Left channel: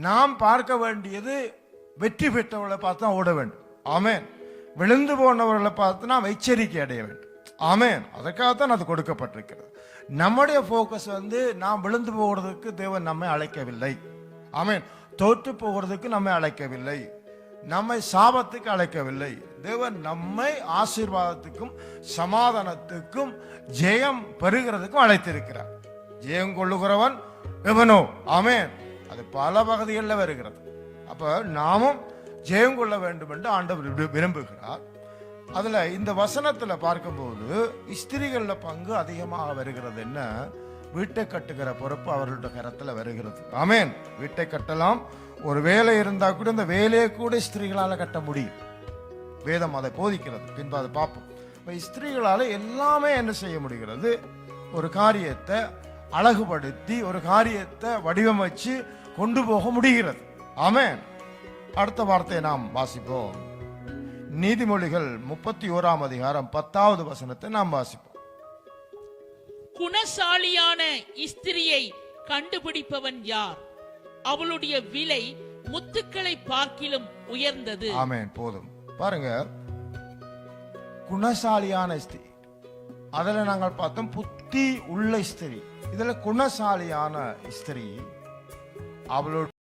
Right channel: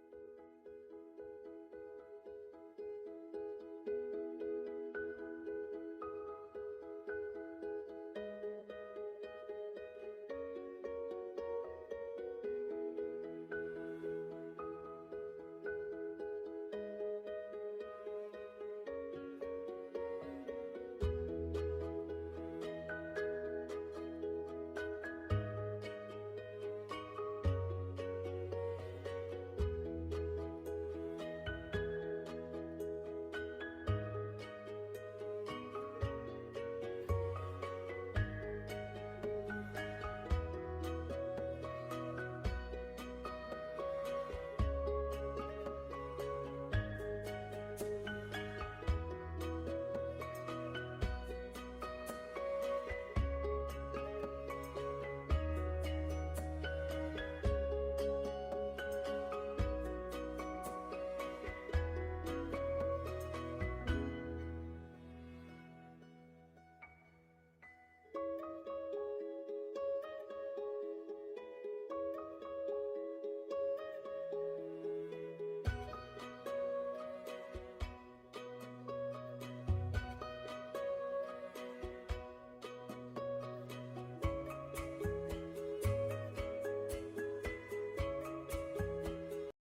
நாம் பார்க்க வேண்டியது வெற்றி பெற்றவர்களை பார்த்து தான் ஓட வேண்டும். ஆமேன். விழுந்து போனவர்களை பார்த்து நாம் எச்சரிக்கை அடைய வேண்டும். ஆமேன். அதற்காகத்தான் அது கொடுக்கப்பட்டிருக்கிறது. நம்முடைய ஃபோக்கஸ் வந்து நாம் விழுந்து போகிறதுக்கு தேவன் நம்மை அழைக்கவில்லை. ஆமேன். தோற்று போகிறதுக்கு நம்மை அழைக்கவில்லை. நம்மை சாபத்துக்கு அழைக்கவில்லை. தேவன் நம்மை ஆசீர்வாதத்துக்கும் சமாதானத்துக்கும் ஜெயம் பெறுகிறதுக்கும் அழைத்திருக்கிறார். ஜெயம் கொள்ளுகிறவன் எவனோ. ஆமேன். பல பகுதிகளில் வருகிறது. அப்போ நாமும் ஜெயம் கொள்ள வேண்டும் என்று ஆண்டவர் விரும்புகிறார். அதில் இந்த வசனத்தில் பார்க்கும்போது ஸ்திரிகளில் பங்கு அதிகமாக வருகிறது என்ன? வீட்டை கட்டுகிற பொறுப்பு அவர்களுடைய கரத்தில் வருகிறது. ஆமேன். வீட்டை கட்டலாம். ஒரு வேலை இருந்தால் கூட இந்த வேலையை கூட ஸ்திரீகளால் கட்ட முடியும். வேதம் அதை போதிக்கிறது. பின்பு அதை பார்ப்போம். இப்போ ஸ்திரீகளால எல்லாமே என்ன செய்ய முடிகிறது? ஒரு காரியத்தை அழகுபடுத்தி ஒரு காரியத்தை வடிவமைச்சு கொண்டு போக முடிகிறது. ஆமென். அடுத்த வார்த்தையை நாம் வாசிப்போம். நீதிமொழிகள் முப்பத்தி ஓராம் அதிகாரம் பத்தாவது வசனத்தை நாம் வாசிப்போம். குணசாலியான ஸ்திரியை கண்டுபிடிப்பவன் யார்? அவளுடைய விலை முத்துக்களை பார்க்கிலும் உயர்ந்தது. ஆமென். போதும். பாருங்க. குணசாலியான ஸ்திரீ அதுல நாங்கள் பார்த்தோம் புத்தி உள்ள ஸ்திரீ இதுல குணசாலியான ஸ்திரீ அவளுடைய